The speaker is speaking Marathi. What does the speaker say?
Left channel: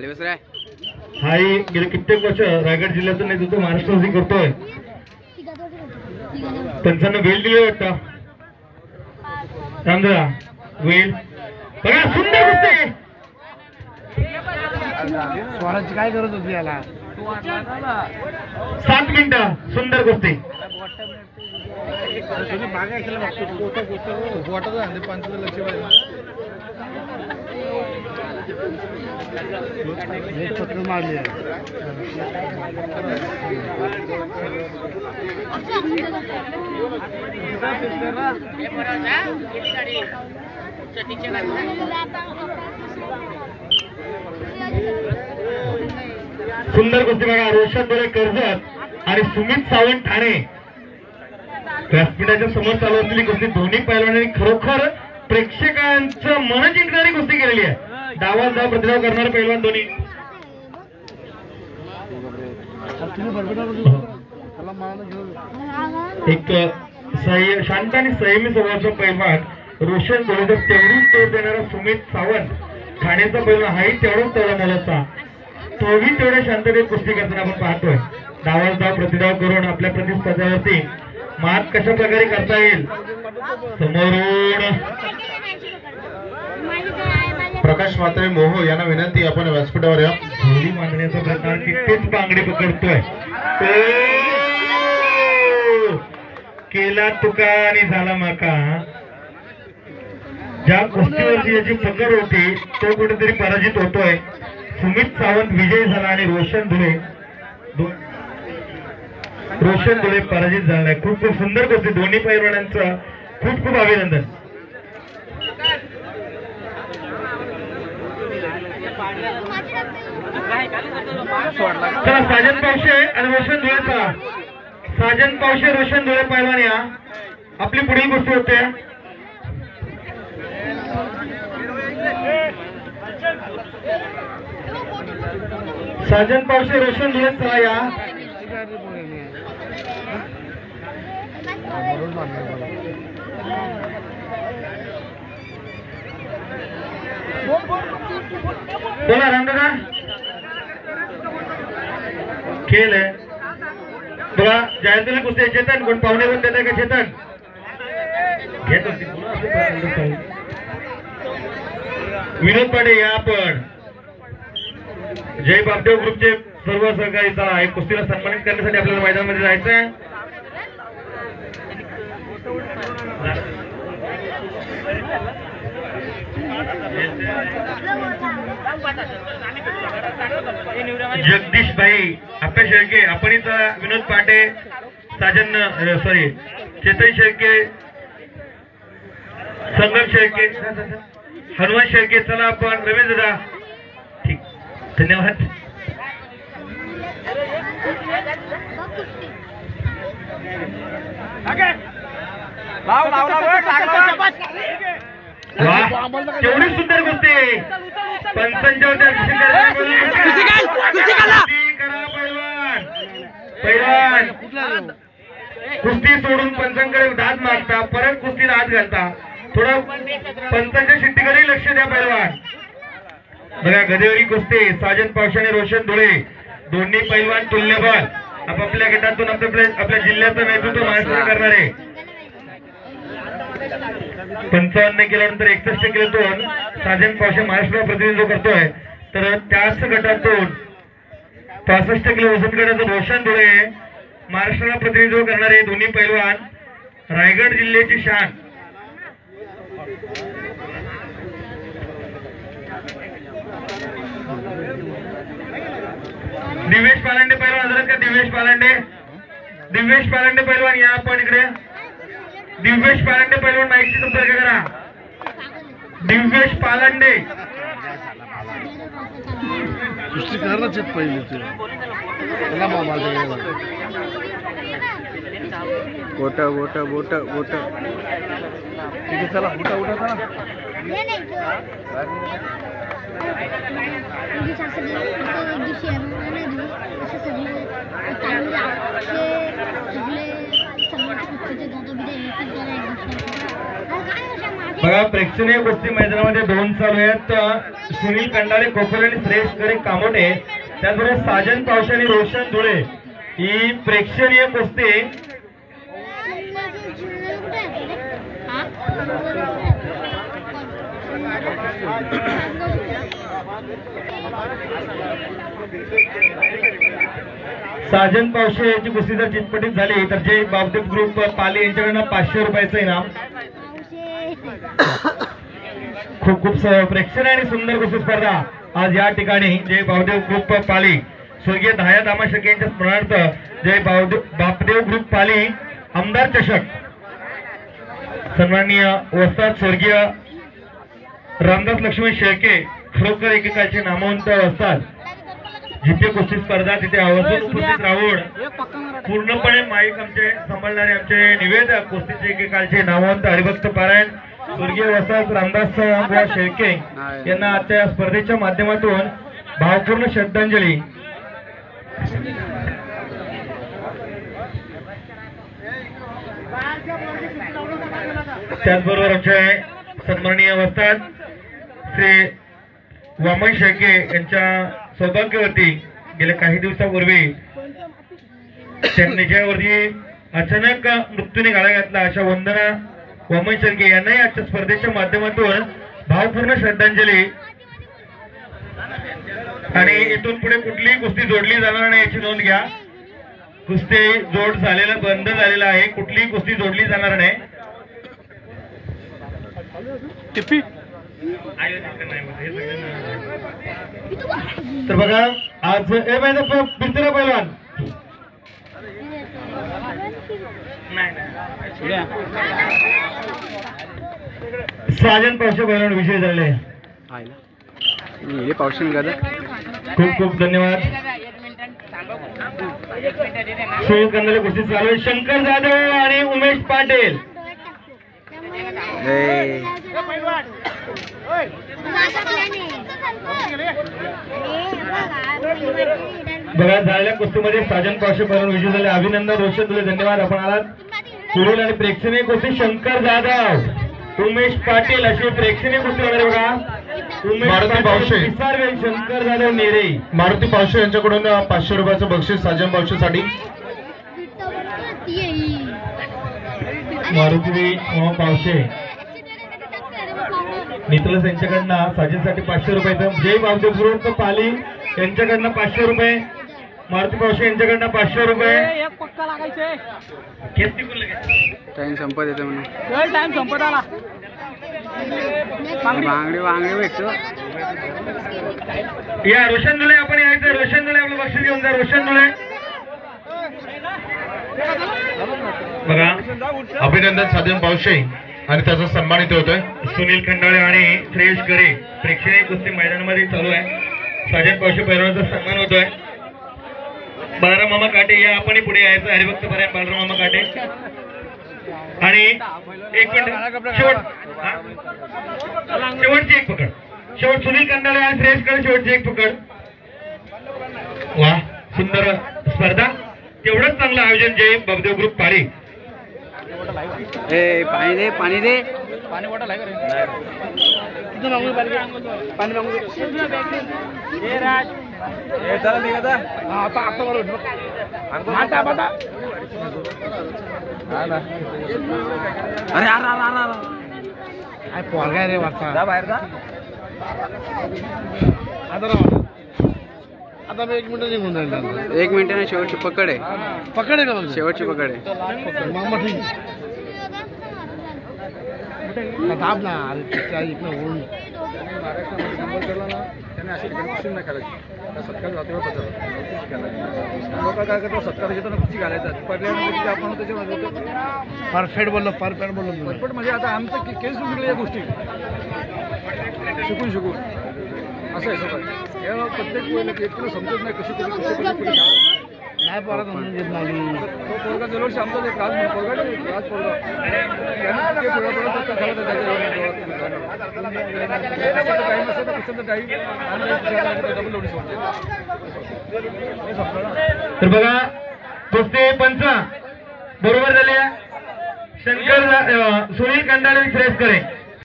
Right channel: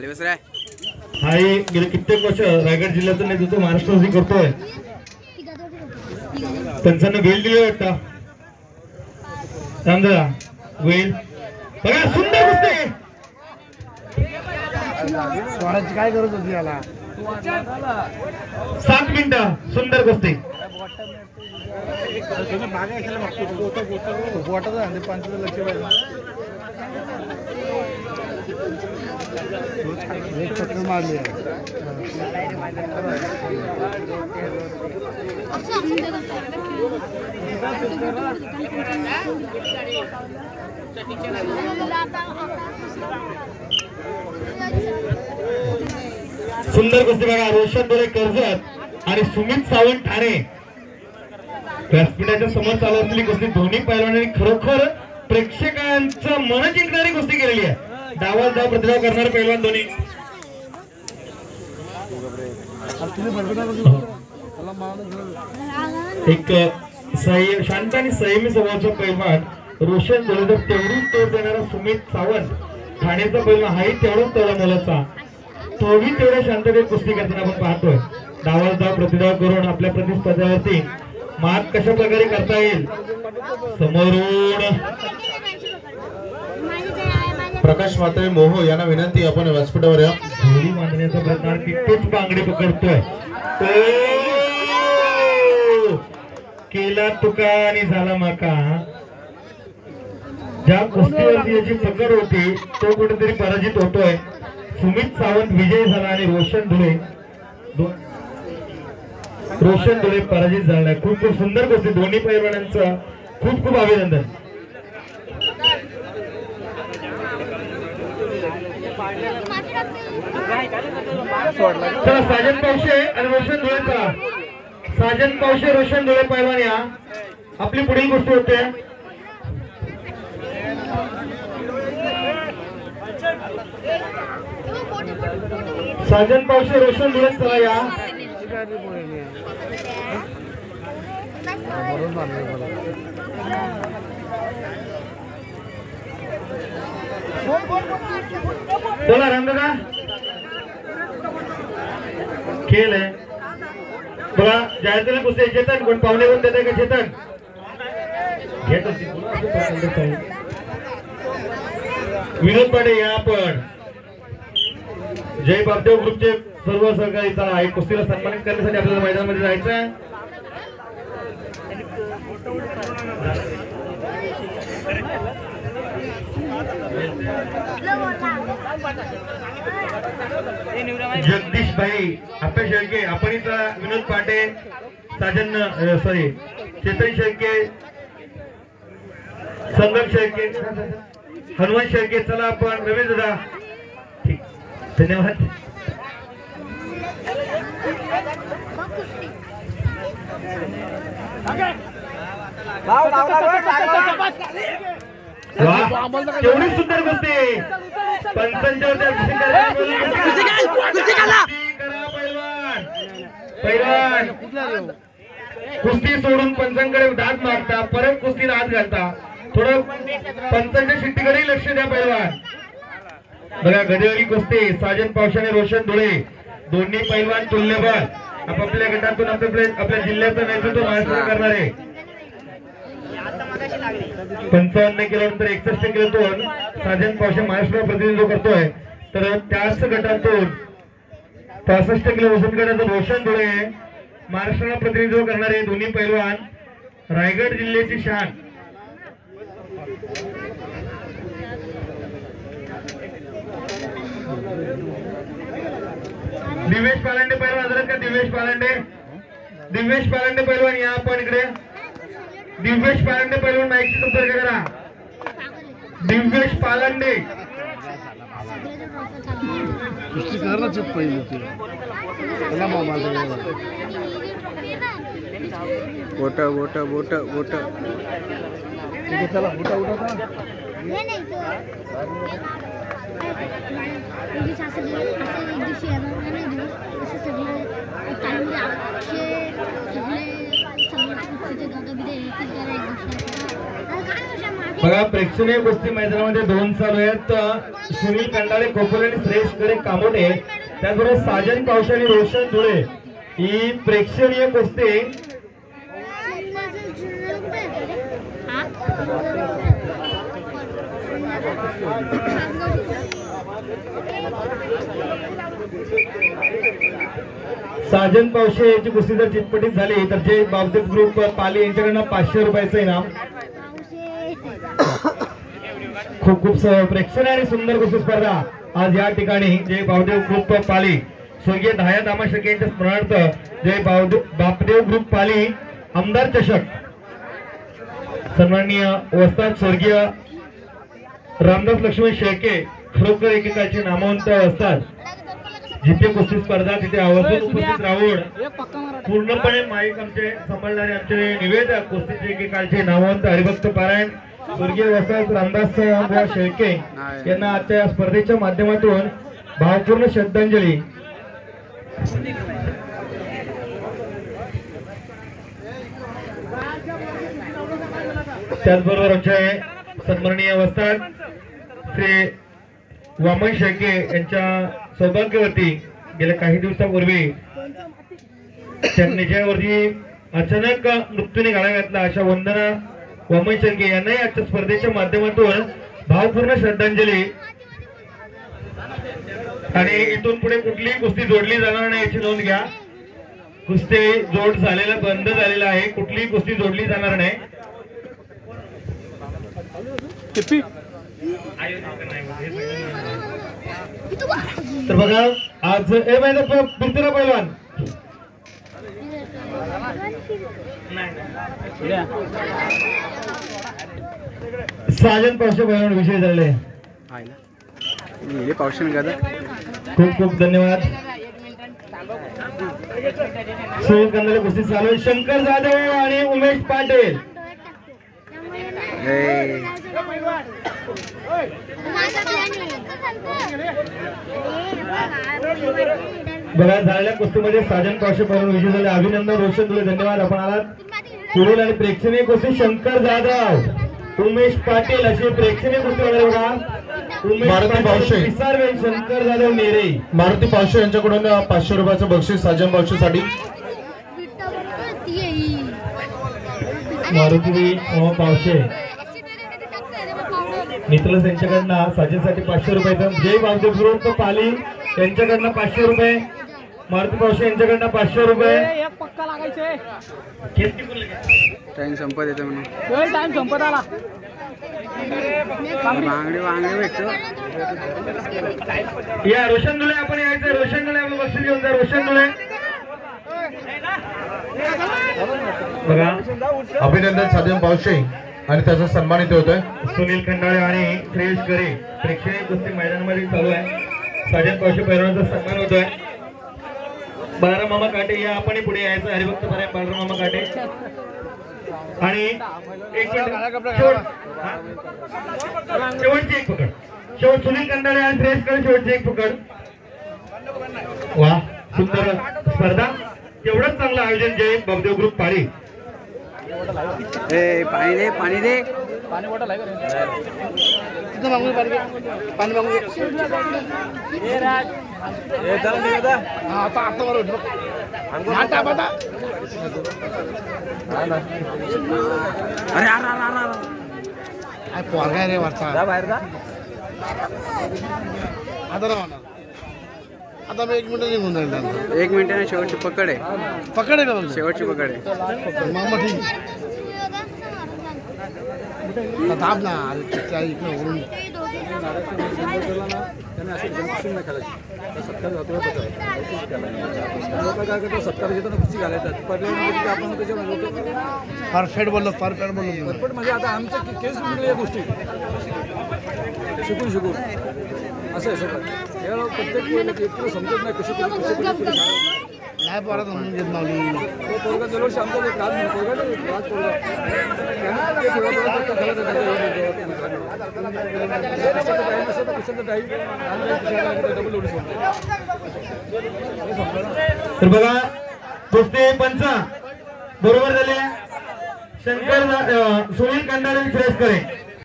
हाही गेले कित्येक वर्ष रायगड जिल्ह्याचं नेतृत्व महाराष्ट्रासाठी करतोय. त्यांचं वेल दिले वाटतं रामदादा वेल बघा सुंदर कुस्ती. स्वराची काय गरज होती याला. 7 मिनिटं सुंदर कुस्ती. एक पकड मारली सुंदर कुस्ती बघा. रोशन बोरे कर्जत आणि सुमित सावंत ठाणे व्यासपीठाच्या समोर चालू असलेली कुस्ती दोन्ही पैलवानांनी खरोखर प्रेक्षकांचं मन जिंकणारी कुस्ती केलेली आहे. डावात धाव प्रतिधाव करणारे पैलवान दोन्ही. एक शांत आणि संयमी स्वभावाचा पैलवान रोशन बोले तर तेवढीच तोड देणारा सुमित सावंत ठाण्याचा पैलवान हाही तेवढाच तेवढा मोलाचा तोही तेवढ्या शांततेत कुस्ती करताना आपण पाहतोय. डावात धाव प्रतिधाव करून आपल्या प्रतिस्पर्ध्यावरती मात कशा प्रकारे करता येईल. समोरून प्रकाश म्हात्रे मोहो यांना विनंती आपण व्यासपीठावर या. झोली बांधण्याचा प्रकार कित्येच बांगडी पकडतोय. केला तुका आणि झाला माका. ज्या कुस्तीवरची याची पकड होती तो कुठेतरी पराजित होतोय. सुमित सावंत विजय झाला आणि रोशन धुळे पराजित झाला नाही. खूप खूप सुंदर कुस्ती दोन्ही पैलवानांचं खूप खूप अभिनंदन. चला साजन पावशे आणि रोशन धुळे. चला साजन पावशे रोशन धुळे पैलवान या. आपली पुढील कुस्ती होते. साजन पावशे रोशन धुळे चला या. चला रामदादा खेळ आहे बघा. जायचं कुस्ती चेतन कोण पाहुणे कोण देत आहे का. चेतन घेत विनोद पाटे या. आपण जय बापदेव ग्रुपचे सर्व सहकारी कुस्तीला सन्मानित करण्यासाठी आपल्याला मैदानामध्ये जायचं आहे. जगदीश भाई आपल्या शेळके आपण विनोद पाटे साजन चेतन शेळके संगम शेळके हनुमान शेळके. चला आपण रमेश दादा ठीक धन्यवाद. एवढी सुंदर कुस्ती पंचांच्या कुस्ती सोडून पंचांकडे दात मारता परत कुस्तीला हात घालता. थोडं पंचांच्या शिट्टीकडे लक्ष द्या पैलवान. बघा गदेवारी कुस्ती साजन पावशे आणि रोशन धुळे दोन्ही पैलवान तुल्यबळ आपापल्या गटातून आपल्या जिल्ह्याचं नेतृत्व महाराष्ट्र करणारे. 55 केल्यानंतर 61 किलोतून साजन पावशे महाराष्ट्र प्रतिनिधित्व करतोय. तर त्याच गटातून 65 किलो वजन गटातून रोशन धुळे महाराष्ट्राला प्रतिनिधित्व करणारे दोन्ही पैलवान रायगड जिल्ह्याची शान. दिवेश पालांडे पैलवान हजरत का. दिवेश पालांडे पैलवान या आपण इकडे. दिव्येश पालांडे पैलवान माहिती संपर्क करा. दिव्येश पालांडे कुस्ती करायलाच येत पहिले ते त्याला गोटा गोटा गोटा गोटा ठीक आहे. चला उठा उठा चला. बघा प्रेक्षणीय कुस्ती मैदानामध्ये 2 चालू आहेत. सुनील कंडाले कोकण आणि श्रेष्ठ करे कामोटे, त्याचबरोबर साजन पावशे आणि रोशन धुळे ही प्रेक्षणीय कुस्ती साजन पावशे याची कुस्ती जर चितपटीत झाली तर जे बावदेव ग्रुप पाली यांच्याकडनं 500 रुपयाचं इनाम. खूप खूप प्रेक्षणीय आणि सुंदर कुस्ती स्पर्धा आज या ठिकाणी जे बावदेव ग्रुप पाली स्वर्गीय दहाया दामाशक यांच्या स्मरणार्थ जे बापदेव ग्रुप पाली आमदार चषक सन्माननीय वस्ताद स्वर्गीय रामदास लक्ष्मण शेळके खरोखर एकेकाचे नामवंत असतात. जिथे कुस्ती स्पर्धा तिथे आवर्जून उपस्थित राहून पूर्णपणे माईक आमचे सांभाळणारे आमचे निवेदक कुस्तीचे एकेकाळचे नामवंत हरिभक्त पारायण स्वर्गीय वस्ताद रामदास शेळके यांना आजच्या या स्पर्धेच्या माध्यमातून भावपूर्ण श्रद्धांजली. त्याचबरोबर आमचे सन्माननीय वस्ताद श्री वामन शेळके यांच्या सौभाग्यवती गेल्या काही दिवसापूर्वी त्यांनी ज्यावरती अचानक मृत्यूने गाळा घातला अशा वंदना वामन शेळके यांनाही आजच्या स्पर्धेच्या माध्यमातून भावपूर्ण श्रद्धांजली. आणि इथून पुढे कुठलीही कुस्ती जोडली जाणार नाही याची नोंद घ्या. कुस्ती जोड झालेला बंद झालेला आहे, कुठलीही कुस्ती जोडली जाणार नाही. तर बघा आज पितरा पैलवान साजन पावशे पैलवान विषय झाले. खूप खूप धन्यवाद. सुनील कंदाले कुस्ती चालू आहे. शंकर जाधव आणि उमेश पाटील बघा झालेल्या कुस्तीमध्ये साजन पावशे पैलवान विजय झाले. अभिनंदन रोशन धुळे धन्यवाद आपण आलात. पुढील आणि प्रेक्षणीय कुस्ती शंकर जाधव उमेश पाटील अशी प्रेक्षणीय कुस्ती वगैरे बघा. मारुती पावशे शंकर जाधव नेरे मारुती पावशे यांच्याकडून 500 रुपयाचं बक्षीस साजन पावशेसाठी. मारुती पावशे मित्र यांच्याकडनं साजेसाठी 500 रुपयाचं. जय बावदेव ग्रुप पाली यांच्याकडनं 500 रुपये. मारुती पावशे यांच्याकडनं 500 रुपये. टाइम संपत येतो म्हणून टाइम संपत आला. वांगडे भेटतो या. रोशन धुळे आपण यायचं. रोशन धुळे आपलं लक्ष घेऊन जा. रोशन धुळे बघा. अभिनंदन साजन पावशे आणि त्याचा सन्मानित होतोय. सुनील खंडाळे आणि श्रेयश करे प्रेक्षणीय कुस्ती मैदानामध्ये चालू आहे. साजन पावशे पैलवानाचा सन्मान होतोय. बालराम मामा काटे या आपण पुढे यायचं. हरिभक्त पारायण बालराम मामा काटे. आणि एक शेवटची एक पकड. शेवट सुनील कंडाळे आणि श्रेयश करे शेवटची एक पकड. वा सुंदर स्पर्धा. तेवढंच चांगलं आयोजन जय बावदेव ग्रुप पाली. पाणी दे पाणी दे पाणी मागू अरे अरे पोरगा रे वाचा बाहेर आता मी 1 मिनिट निघून जाईल. 1 मिनिटाने शेवटची पकड आहे का बघ. शेवटची पकड आहे मामा. ठीक दाब ना. अरे इकडं वरून परफेक्ट बोललो. परफेक्ट बोललो म्हणजे आता आमचं केस या गोष्टी शिकून असं आहे सगळं. प्रत्येक समजत नाही कसं नाही परत म्हणून घेत मावली. पोरगा जवळ आमचा तर बघा कुस्ती पंच बरोबर झाले. शंकर सुनील कंडाळे श्रेष्ठ करे